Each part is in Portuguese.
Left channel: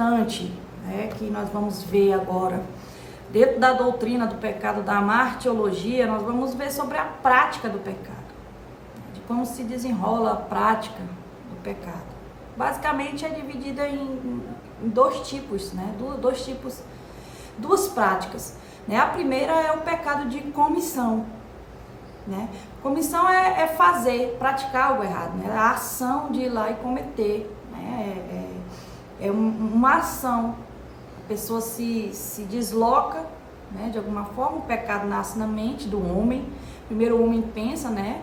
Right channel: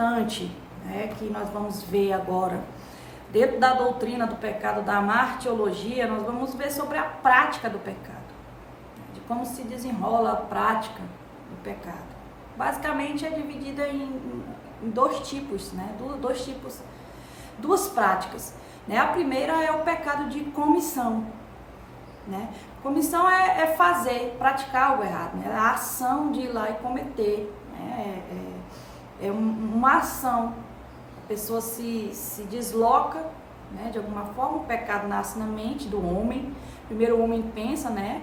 importante, né, que nós vamos ver agora. Dentro da doutrina do pecado, da martiologia, nós vamos ver sobre a prática do pecado, de como se desenrola a prática do pecado. Basicamente é dividida em dois tipos, né? Duas práticas. Né? A primeira é o pecado de comissão. Né? Comissão é fazer, praticar algo errado, né? A ação de ir lá e cometer. Né? É uma ação. A pessoa se desloca, né? De alguma forma. O pecado nasce na mente do homem. Primeiro o homem pensa, né?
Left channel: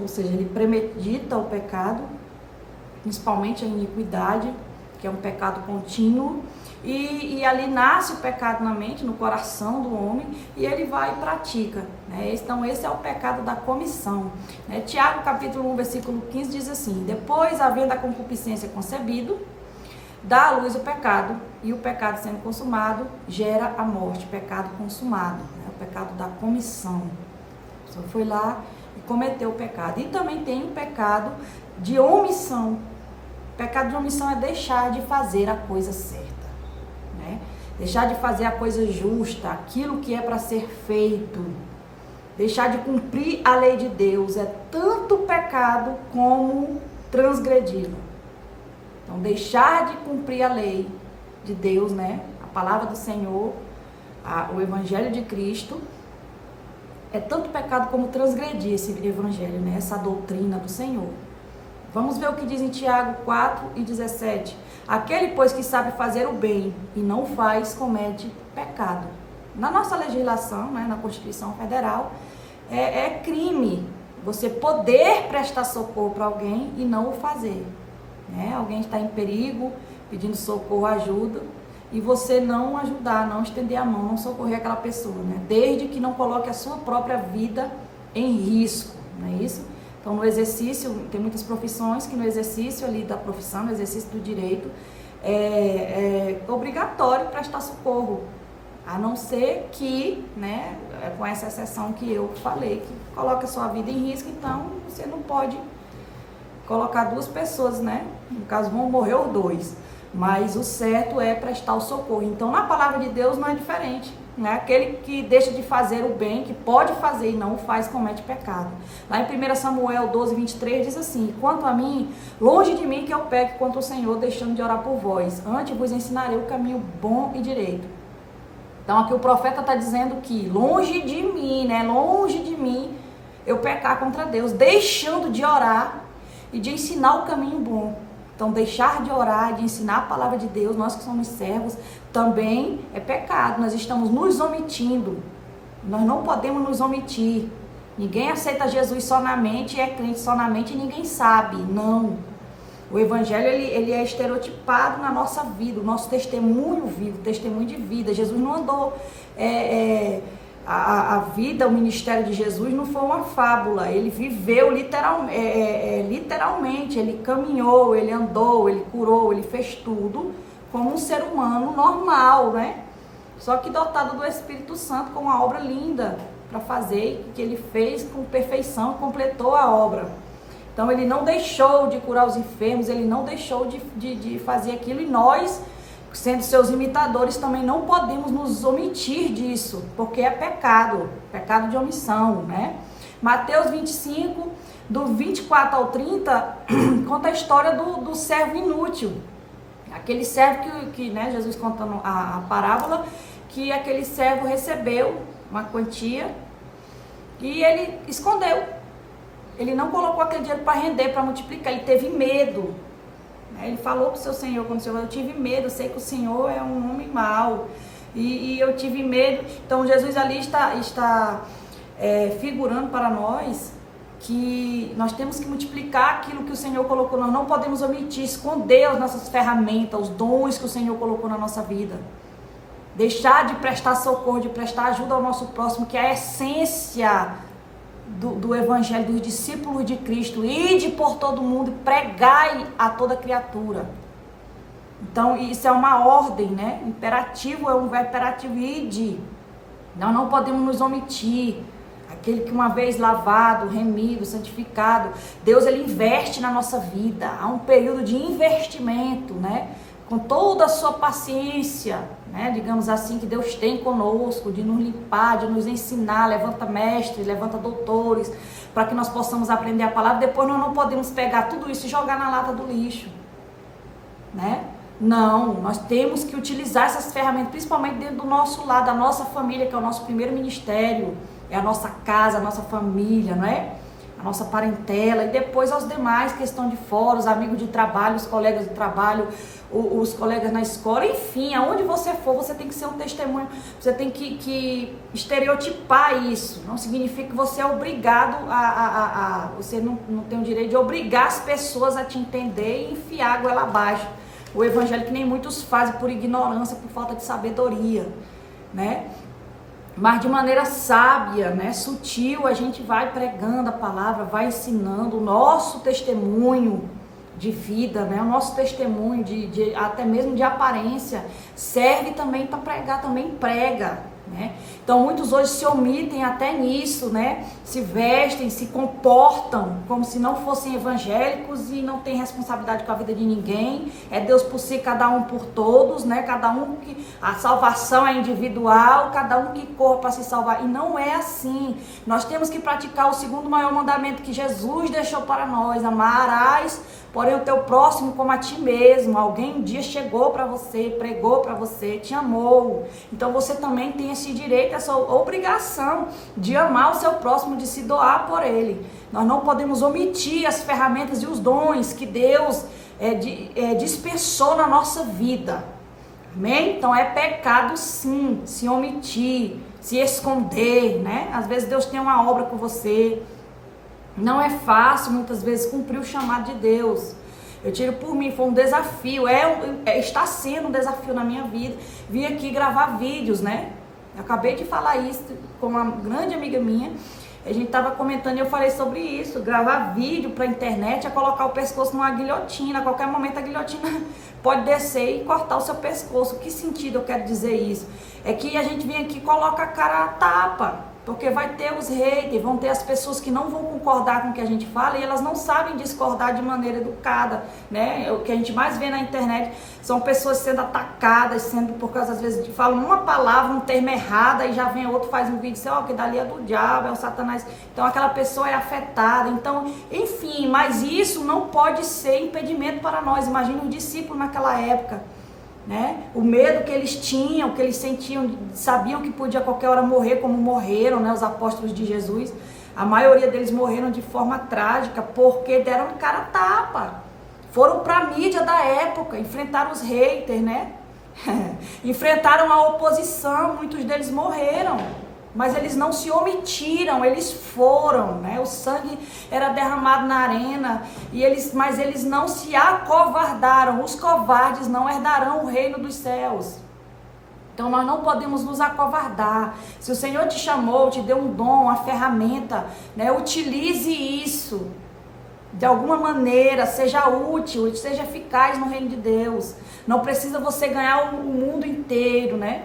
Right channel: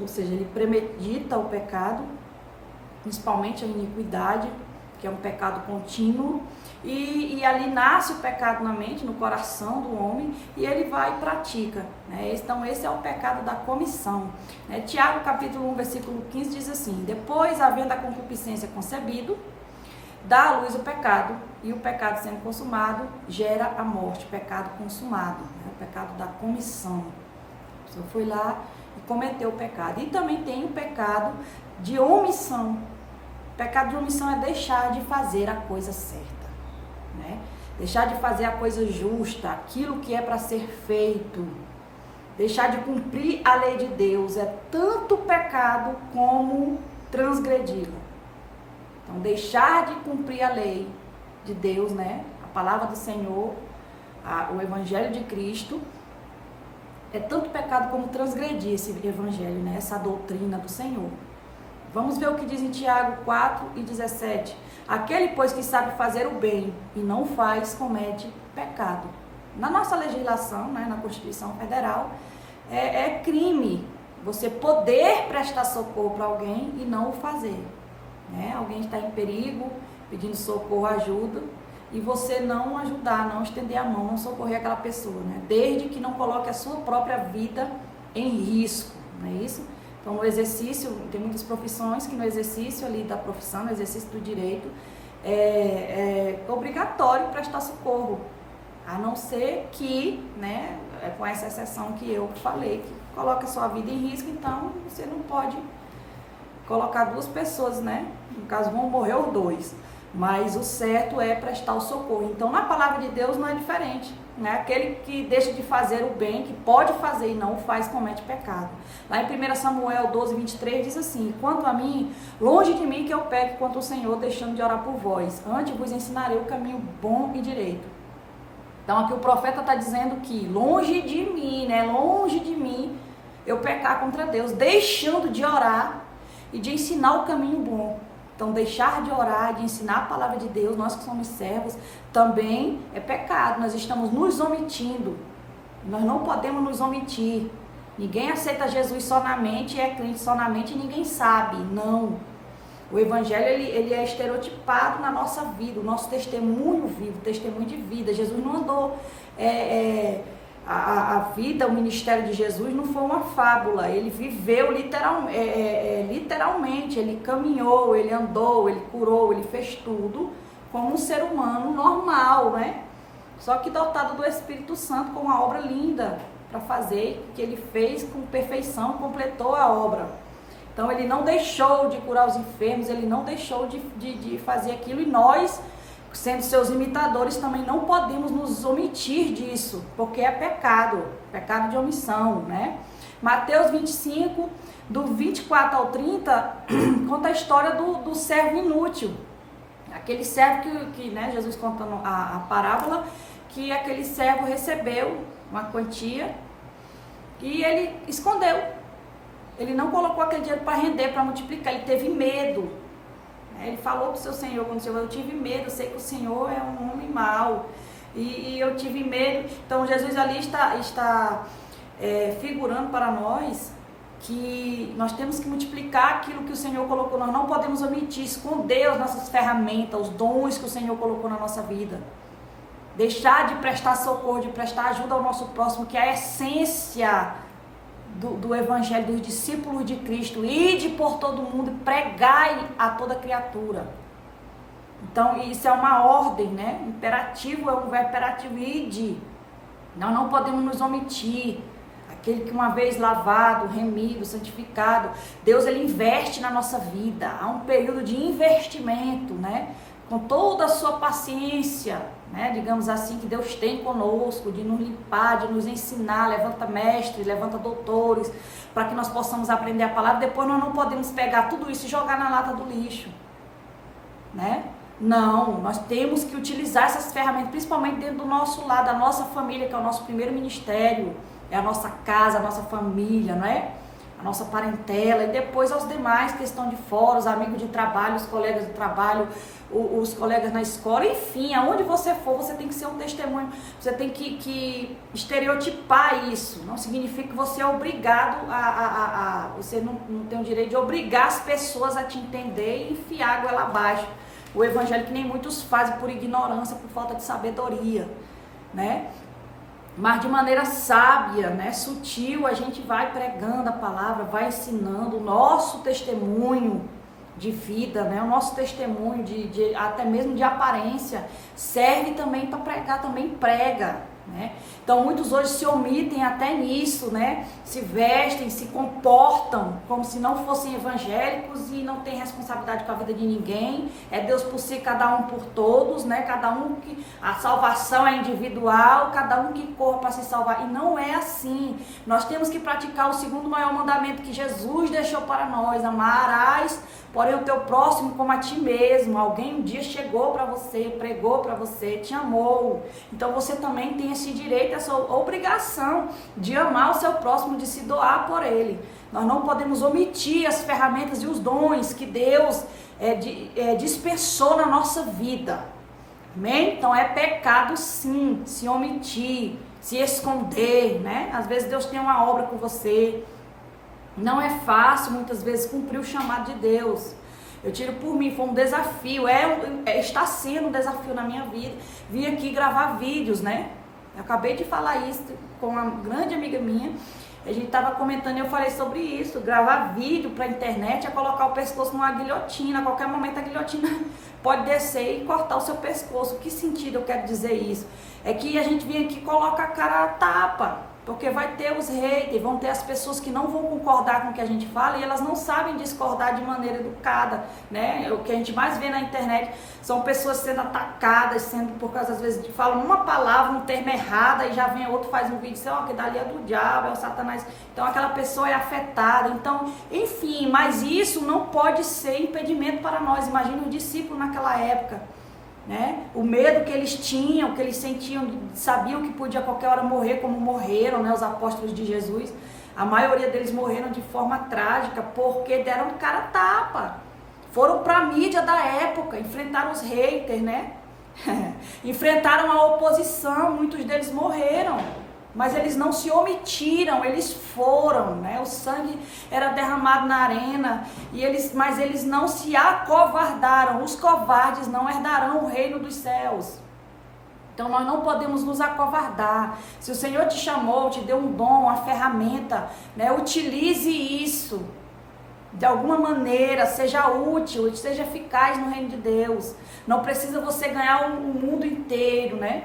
Ou seja, ele premedita o pecado, principalmente a iniquidade, que é um pecado contínuo, e ali nasce o pecado na mente, no coração do homem, e ele vai e pratica, né? Então esse é o pecado da comissão, né? Tiago capítulo 1, versículo 15 diz assim: depois, havendo a concupiscência concebido, dá à luz o pecado, e o pecado sendo consumado, gera a morte, pecado consumado, né? O pecado da comissão. A pessoa foi lá e cometeu o pecado. E também tem o pecado de omissão. O pecado de omissão é deixar de fazer a coisa certa, né? Deixar de fazer a coisa justa, aquilo que é para ser feito. Deixar de cumprir a lei de Deus é tanto pecado como transgredi-la. Então, deixar de cumprir a lei de Deus, né? A palavra do Senhor, o Evangelho de Cristo, é tanto pecado como transgredir esse Evangelho, né? Essa doutrina do Senhor. Vamos ver o que diz em Tiago 4:17. Aquele, pois, que sabe fazer o bem e não faz, comete pecado. Na nossa legislação, né, na Constituição Federal, é crime você poder prestar socorro para alguém e não o fazer. Né? Alguém está em perigo, pedindo socorro, ajuda, e você não ajudar, não estender a mão, não socorrer aquela pessoa, né? Desde que não coloque a sua própria vida em risco, não é isso? Então, no exercício, tem muitas profissões que no exercício ali da profissão, no exercício do direito, é obrigatório prestar socorro, a não ser que, né, com essa exceção que eu falei, que coloca a sua vida em risco, então você não pode colocar duas pessoas, né? No caso, vão morrer os dois. Mas o certo é prestar o socorro. Então, na palavra de Deus não é diferente, né? Aquele que deixa de fazer o bem, que pode fazer e não o faz, comete pecado. Lá em 1 Samuel 12:23 diz assim: quanto a mim, longe de mim que eu peque contra o Senhor, deixando de orar por vós. Antes vos ensinarei o caminho bom e direito. Então, aqui o profeta está dizendo que longe de mim, né? Longe de mim eu pecar contra Deus, deixando de orar e de ensinar o caminho bom. Então, deixar de orar, de ensinar a palavra de Deus, nós que somos servos, também é pecado. Nós estamos nos omitindo. Nós não podemos nos omitir. Ninguém aceita Jesus só na mente, é crente só na mente e ninguém sabe. Não. O Evangelho, ele é estereotipado na nossa vida, o nosso testemunho vivo, testemunho de vida. Jesus não andou... A vida, o ministério de Jesus não foi uma fábula, ele viveu literalmente, ele caminhou, ele andou, ele curou, ele fez tudo como um ser humano normal, né? Só que dotado do Espírito Santo com uma obra linda para fazer, que ele fez com perfeição, completou a obra. Então ele não deixou de curar os enfermos, ele não deixou de fazer aquilo, e nós, sendo seus imitadores, também não podemos nos omitir disso, porque é pecado de omissão, né? Mateus 25, do 24 ao 30, conta a história do servo inútil. Aquele servo que né, Jesus conta a parábola, que aquele servo recebeu uma quantia e ele escondeu. Ele não colocou aquele dinheiro para render, para multiplicar, ele teve medo. Ele falou para o seu Senhor, quando o Senhor, eu tive medo, eu sei que o Senhor é um homem mau, e eu tive medo. Então Jesus ali está figurando para nós que nós temos que multiplicar aquilo que o Senhor colocou. Nós não podemos omitir, esconder as nossas ferramentas, os dons que o Senhor colocou na nossa vida. Deixar de prestar socorro, de prestar ajuda ao nosso próximo, que é a essência do Evangelho, dos discípulos de Cristo. Ide por todo mundo e pregai a toda criatura. Então, isso é uma ordem, né? Imperativo, é um verbo imperativo, ide. Nós não podemos nos omitir. Aquele que uma vez lavado, remido, santificado, Deus, ele investe na nossa vida. Há um período de investimento, né? com toda a sua paciência, né, digamos assim, que Deus tem conosco, de nos limpar, de nos ensinar, levanta mestres, levanta doutores, para que nós possamos aprender a palavra. Depois nós não podemos pegar tudo isso e jogar na lata do lixo, né? Não, nós temos que utilizar essas ferramentas, principalmente dentro do nosso lar, da nossa família, que é o nosso primeiro ministério, é a nossa casa, a nossa família, não é? A nossa parentela, e depois aos demais que estão de fora, os amigos de trabalho, os colegas de trabalho, os colegas na escola, enfim, aonde você for, você tem que ser um testemunho, você tem que estereotipar isso. Não significa que você é obrigado você não tem o direito de obrigar as pessoas a te entender e enfiar a goela abaixo. O evangelho que nem muitos fazem por ignorância, por falta de sabedoria, né? Mas de maneira sábia, né, sutil, a gente vai pregando a palavra, vai ensinando o nosso testemunho de vida, né, o nosso testemunho até mesmo de aparência, serve também para pregar, também prega, né? Então muitos hoje se omitem até nisso, né? Se vestem, se comportam como se não fossem evangélicos e não têm responsabilidade com a vida de ninguém. É Deus por si, cada um por todos, né? Cada um que a salvação é individual, cada um que corra para se salvar. E não é assim. Nós temos que praticar o segundo maior mandamento que Jesus deixou para nós: amarás, porém, o teu próximo como a ti mesmo. Alguém um dia chegou para você, pregou para você, te amou. Então você também tem esse direito, essa obrigação de amar o seu próximo, de se doar por ele. Nós não podemos omitir as ferramentas e os dons que Deus dispensou na nossa vida. Amém? Então é pecado sim, se omitir, se esconder, né? Às vezes Deus tem uma obra com você. Não é fácil, muitas vezes, cumprir o chamado de Deus. Eu tiro por mim, foi um desafio, está sendo um desafio na minha vida. Vim aqui gravar vídeos, né? Eu acabei de falar isso com uma grande amiga minha. A gente estava comentando e eu falei sobre isso. Gravar vídeo para a internet é colocar o pescoço numa guilhotina. A qualquer momento a guilhotina pode descer e cortar o seu pescoço. Que sentido eu quero dizer isso? É que a gente vem aqui e coloca a cara a tapa. Porque vai ter os haters, vão ter as pessoas que não vão concordar com o que a gente fala e elas não sabem discordar de maneira educada, né? O que a gente mais vê na internet são pessoas sendo atacadas, sendo por causa, às vezes, falam uma palavra, um termo errado, e já vem outro, faz um vídeo e diz, ó, que dali é do diabo, é o Satanás. Então aquela pessoa é afetada. Então, enfim, mas isso não pode ser impedimento para nós. Imagina os discípulos naquela época. Né? O medo que eles tinham, que eles sentiam, sabiam que podia a qualquer hora morrer, como morreram, né, os apóstolos de Jesus. A maioria deles morreram de forma trágica porque deram cara a tapa. Foram para a mídia da época, enfrentaram os haters, né? Enfrentaram a oposição, muitos deles morreram. Mas eles não se omitiram, eles foram, né? O sangue era derramado na arena, mas eles não se acovardaram. Os covardes não herdarão o reino dos céus. Então nós não podemos nos acovardar. Se o Senhor te chamou, te deu um dom, uma ferramenta, né? Utilize isso. De alguma maneira, seja útil, seja eficaz no reino de Deus. Não precisa você ganhar o mundo inteiro, né?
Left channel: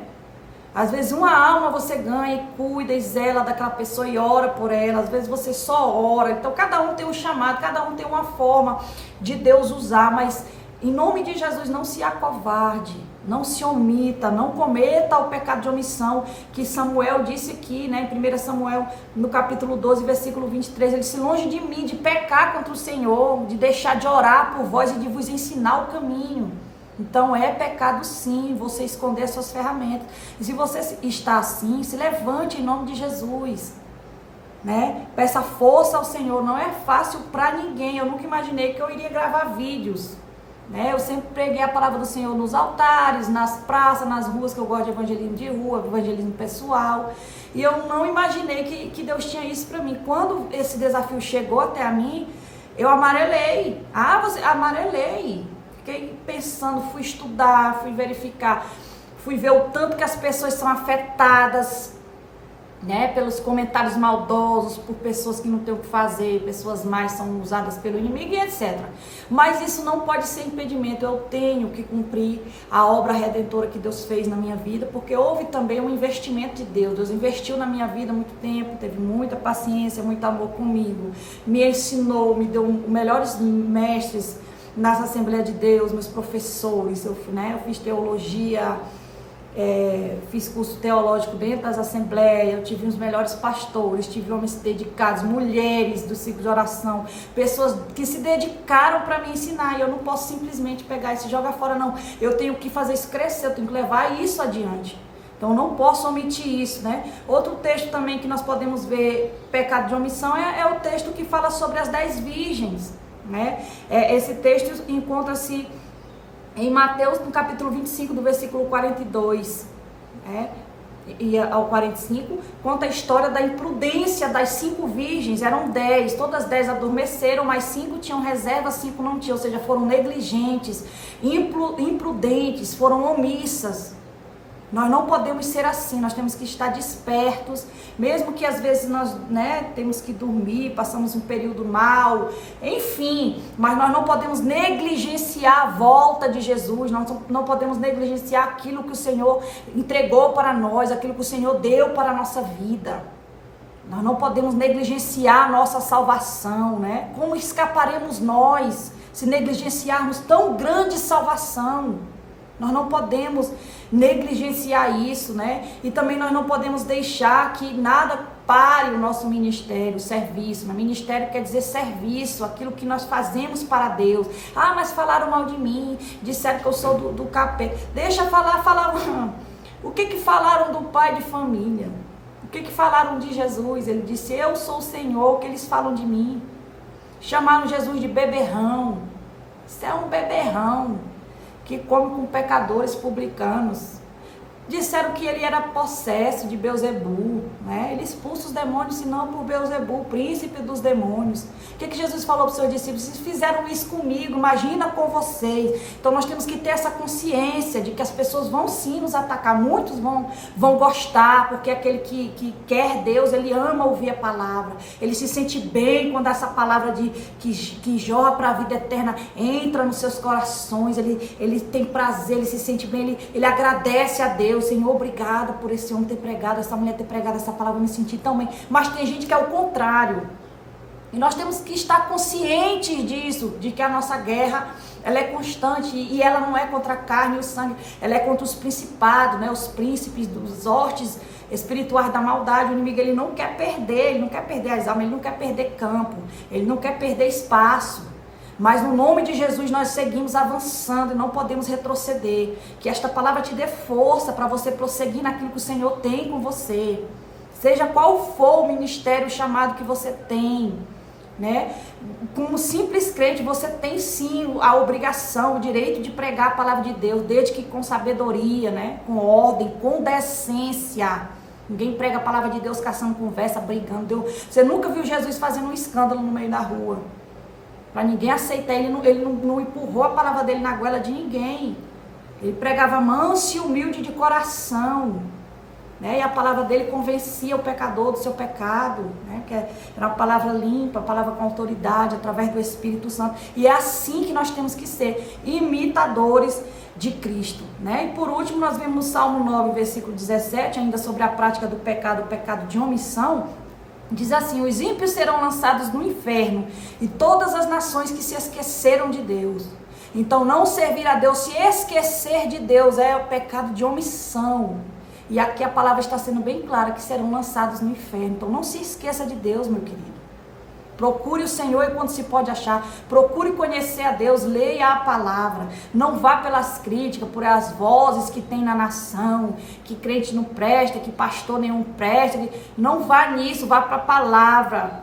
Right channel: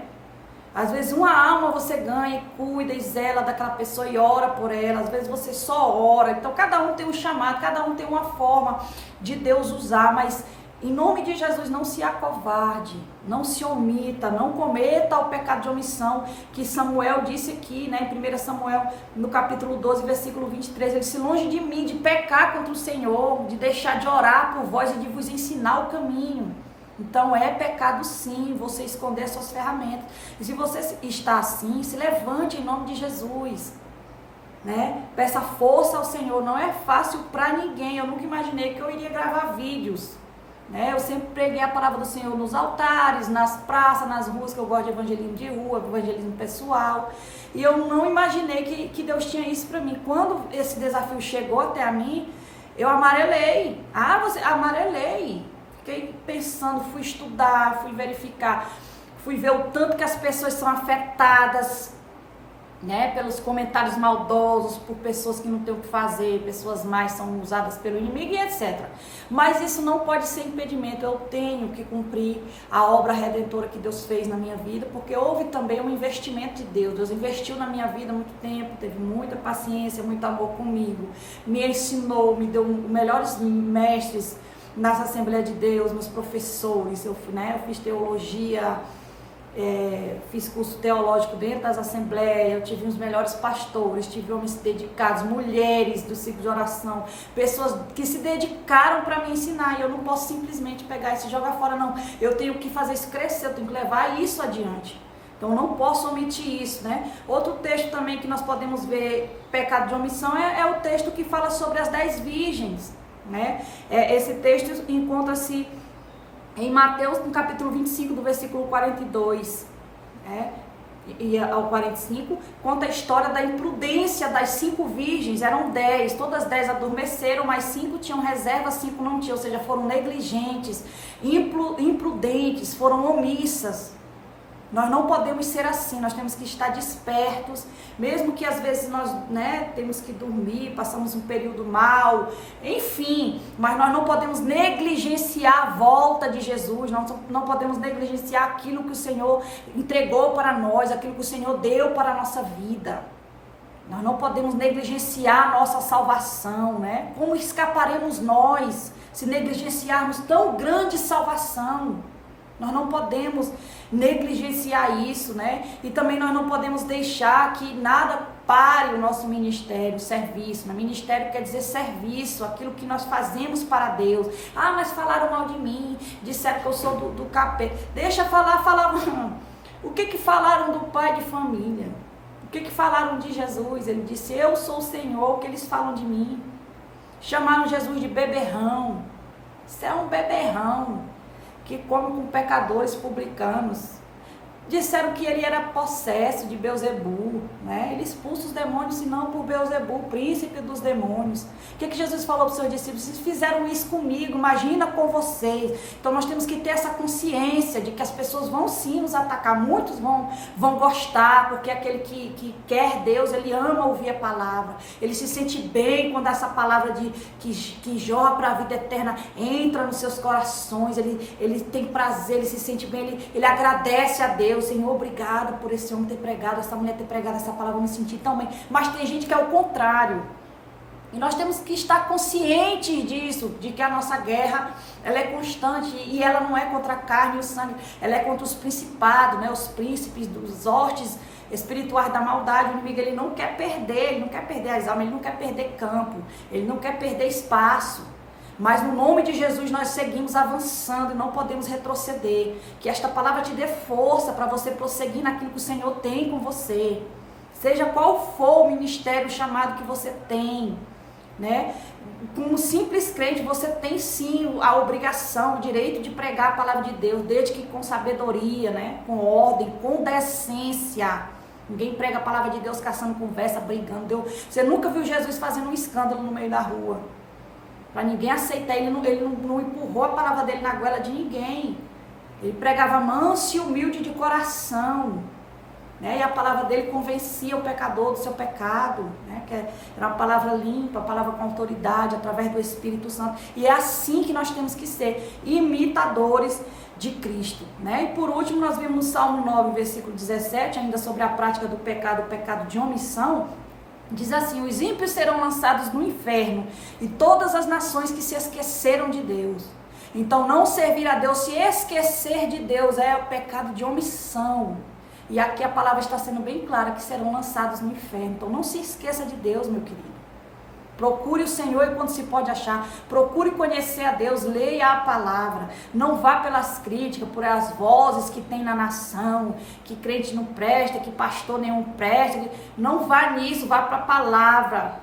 Às vezes uma alma você ganha e cuida e zela daquela pessoa e ora por ela. Às vezes você só ora. Então cada um tem um chamado, cada um tem uma forma de Deus usar. Mas em nome de Jesus, não se acovarde, não se omita, não cometa o pecado de omissão. Que Samuel disse aqui, né, em 1 Samuel, no capítulo 12, versículo 23. Ele disse, longe de mim de pecar contra o Senhor, de deixar de orar por vós e de vos ensinar o caminho. Então é pecado sim, você esconder as suas ferramentas. E se você está assim, se levante em nome de Jesus, né? Peça força ao Senhor. Não é fácil para ninguém. Eu nunca imaginei que eu iria gravar vídeos, né? Eu sempre preguei a palavra do Senhor nos altares, nas praças, nas ruas, que eu gosto de evangelismo de rua, evangelismo pessoal. E eu não imaginei que Deus tinha isso para mim. Quando esse desafio chegou até a mim, eu amarelei. Amarelei. Fiquei pensando, fui estudar, fui verificar, fui ver o tanto que as pessoas são afetadas, né, pelos comentários maldosos, por pessoas que não têm o que fazer, pessoas mais são usadas pelo inimigo e etc. Mas isso não pode ser impedimento. Eu tenho que cumprir a obra redentora que Deus fez na minha vida, porque houve também um investimento de Deus. Deus investiu na minha vida há muito tempo, teve muita paciência, muito amor comigo, me ensinou, me deu melhores mestres, nas Assembleias de Deus, meus professores, eu fiz teologia, fiz curso teológico dentro das assembleias, eu tive os melhores pastores, tive homens dedicados, mulheres do ciclo de oração, pessoas que se dedicaram para me ensinar, e eu não posso simplesmente pegar isso e jogar fora, não. Eu tenho que fazer isso crescer, eu tenho que levar isso adiante. Então não posso omitir isso, né? Outro texto também que nós podemos ver, pecado de omissão, é o texto que fala sobre as 10 virgens, né? Esse texto encontra-se em Mateus, no capítulo 25, do versículo 42, e ao 45, conta a história da imprudência das 5 virgens. Eram 10, todas 10 adormeceram, mas 5 tinham reserva, 5 não tinham, ou seja, foram negligentes, imprudentes, foram omissas. Nós não podemos ser assim, nós temos que estar despertos, mesmo que às vezes nós temos que dormir, passamos um período mal, enfim, mas nós não podemos negligenciar a volta de Jesus, nós não podemos negligenciar aquilo que o Senhor entregou para nós, aquilo que o Senhor deu para a nossa vida. Nós não podemos negligenciar a nossa salvação, né? Como escaparemos nós se negligenciarmos tão grande salvação? Nós não podemos negligenciar isso, né? E também nós não podemos deixar que nada pare o nosso ministério, o serviço. Ministério quer dizer serviço, aquilo que nós fazemos para Deus. Ah, mas falaram mal de mim, disseram que eu sou do capeta. Deixa falar. O que falaram do pai de família? O que falaram de Jesus? Ele disse, eu sou o Senhor, o que eles falam de mim? Chamaram Jesus de beberrão. Isso é um beberrão que come com pecadores publicanos. Disseram que ele era possesso de Beelzebul, né? Ele expulsa os demônios, senão por Beelzebul, príncipe dos demônios. O que Jesus falou para os seus discípulos? Vocês fizeram isso comigo, imagina com vocês. Então nós temos que ter essa consciência de que as pessoas vão sim nos atacar. Muitos vão gostar, porque aquele que quer Deus, ele ama ouvir a palavra. Ele se sente bem quando essa palavra que jorra para a vida eterna entra nos seus corações. Ele tem prazer, ele se sente bem, ele agradece a Deus. Senhor, obrigado por esse homem ter pregado, essa mulher ter pregado essa palavra, eu me senti tão bem. Mas tem gente que é o contrário. E nós temos que estar conscientes disso, de que a nossa guerra, ela é constante, e ela não é contra a carne e o sangue, ela é contra os principados, né, os príncipes, dos hostes espirituais da maldade. O inimigo, ele não quer perder as almas, ele não quer perder campo, ele não quer perder espaço. Mas no nome de Jesus nós seguimos avançando e não podemos retroceder. Que esta palavra te dê força para você prosseguir naquilo que o Senhor tem com você. Seja qual for o ministério, o chamado que você tem, né? Como simples crente, você tem sim a obrigação, o direito de pregar a palavra de Deus, desde que com sabedoria, né? Com ordem, com decência. Ninguém prega a palavra de Deus caçando conversa, brigando. Você nunca viu Jesus fazendo um escândalo no meio da rua. Para ninguém aceitar, ele não empurrou a palavra dele na goela de ninguém. Ele pregava manso e humilde de coração, né? E a palavra dele convencia o pecador do seu pecado, né? Que era uma palavra limpa, uma palavra com autoridade, através do Espírito Santo. E é assim que nós temos que ser, imitadores de Cristo, né? E por último, nós vemos no Salmo 9, versículo 17, ainda sobre a prática do pecado, o pecado de omissão. Diz assim, os ímpios serão lançados no inferno e todas as nações que se esqueceram de Deus. Então não servir a Deus, se esquecer de Deus, é o pecado de omissão. E aqui a palavra está sendo bem clara, que serão lançados no inferno. Então não se esqueça de Deus, meu querido. Procure o Senhor enquanto se pode achar. Procure conhecer a Deus, leia a palavra. Não vá pelas críticas, por as vozes que tem na nação, que crente não presta, que pastor nenhum presta. Não vá nisso, vá para a palavra.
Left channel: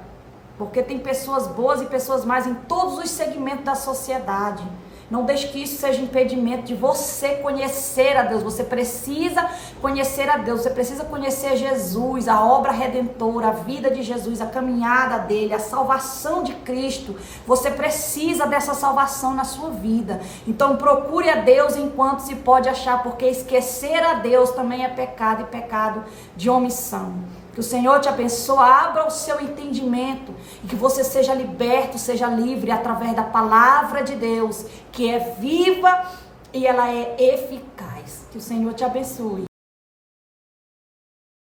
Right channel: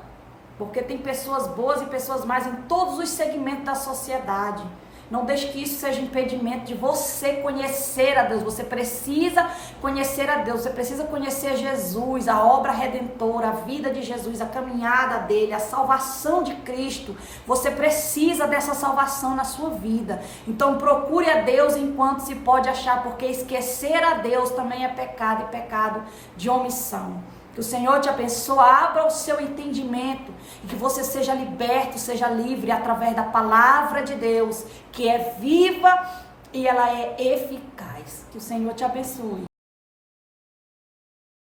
Porque tem pessoas boas e pessoas más em todos os segmentos da sociedade. Não deixe que isso seja impedimento de você conhecer a Deus. Você precisa conhecer a Deus. Você precisa conhecer Jesus, a obra redentora, a vida de Jesus, a caminhada dele, a salvação de Cristo. Você precisa dessa salvação na sua vida. Então procure a Deus enquanto se pode achar, porque esquecer a Deus também é pecado, e pecado de omissão. Que o Senhor te abençoe, abra o seu entendimento e que você seja liberto, seja livre através da palavra de Deus, que é viva e ela é eficaz. Que o Senhor te abençoe.